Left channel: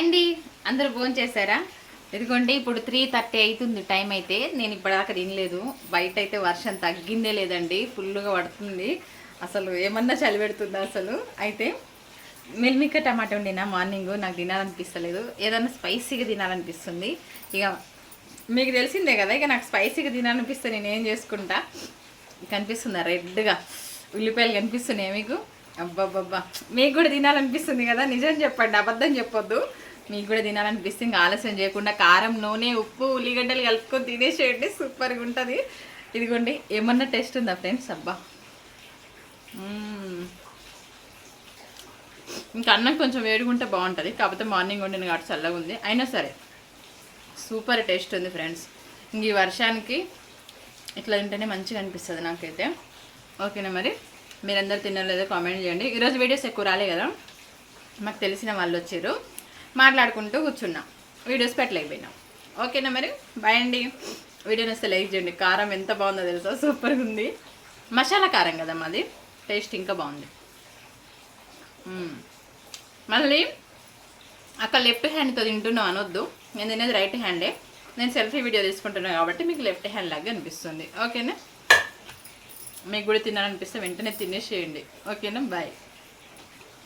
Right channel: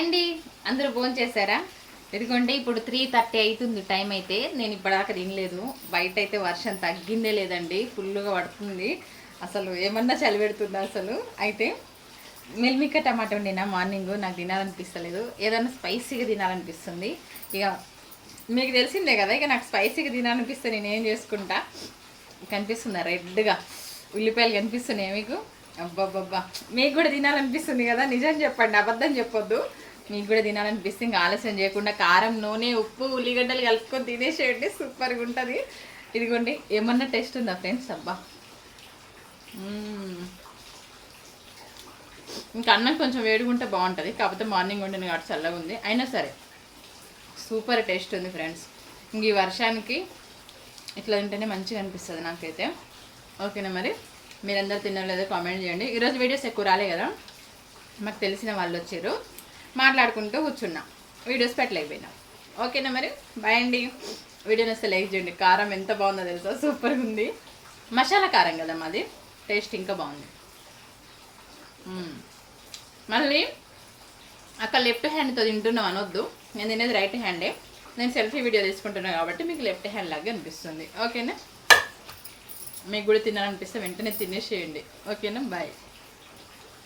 అండి. అందరూ ఫోన్ చేశారా? ఎందుకంటే ఇప్పుడు త్రీ థర్టీ అవుతుంది టైం అయితే. నేను ఇప్పటిదాకా తినలేదు. బయట అయితే వర్షం తగ్గిందే లేదండి. ఫుల్గా పడుతుంది. అసలు ఏమన్నా చలి పెడుతుందా అసలు? అయితే మిల్మిక్క టమాటా వండినా మార్నింగ్ నాకు తినాలనిపిస్తలేదు. ఏదన్నా స్పైసీగా తినాలనిపిస్తుంది. ఇక మీకు తెలిసిందే కదా ఇక నాకు స్పైసీగా తినాలనిపిస్తే నేను ఏం చేసుకుంటా? కనిపిస్తుందా రెడ్గా? ఉల్లిపాయలు కనిపిస్తున్నాయి మీకు? అబ్బబ్బబ్బా. మీకు కూడా తినాలనిపిస్తుంది కదా. నిజం చెప్పండి అబద్ధం చెప్పొద్దు. మీకు కూడా తినాలనిపిస్తే ఇంకా ఆలస్యం చేయకుండా కారం నూనె ఉప్పు ఉల్లిగడ్డలు కలుపుకొని తినేసేయండి. సూపర్గా ఉంటుంది. ఇదిగోండి ఏమన్నా టేస్ట్ ఉందా ఫ్రెండ్స్? అబ్బా. ఇంకా అన్నం కొంచెం వేడుకుంటే బాగుంటుంది. కాకపోతే మార్నింగ్ వండిన కాబట్టి చల్లగా ఉంది. అయినా సరే సూపర్ టేస్ట్ ఉంది ఫ్రెండ్స్. ఇంక ఈ వర్షానికి ఇట్లా తింటేనే మంచిగా అనిపిస్తుంది నాకైతే. ఓకేనా మరి? మీరందరూ తినలేదో కామెంట్ చేయండి. ఈరోజు వీడియోస్ ఎక్కువ రాలే కదా? మాకు తెలిసిన వాళ్ళు వచ్చారు. మాట్లాడుకుంటూ కూర్చున్నా. వీడియోస్ పెట్టలేకపోయినా ఓకేనా మరి? బాయ్ అండి. వీడియోని వస్తే లైక్ చేయండి. కారం ఎంత బాగుందో తెలుసా? సూపర్గా ఉంది. మసాలా కారం కదా మాది. టేస్ట్ ఇంకా బాగుంది. Hmm. మళ్ళీ అక్కడ లెఫ్ట్ హ్యాండ్తో తింటున్నాం అనొద్దు. నేను తినేది రైట్ హ్యాండే నేను సెల్ఫీ వీడియో తీసుకుంటున్నాను కాబట్టి మీకు లెఫ్ట్ హ్యాండ్ లాగా అనిపిస్తుంది. ఓకేనా మీకు కూడా తినాలనిపిస్తే వెంటనే తినేసేయండి. ఓకేనా బాయ్